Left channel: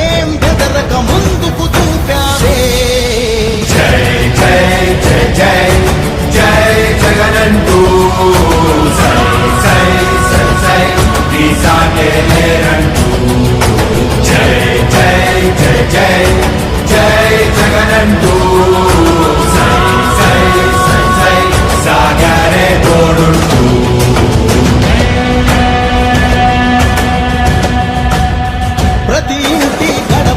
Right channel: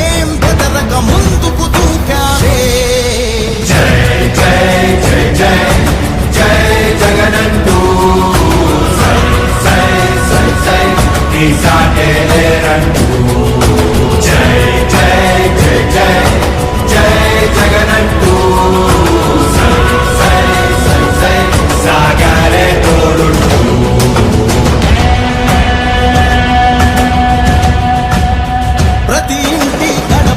ఏం బెదరక ముందు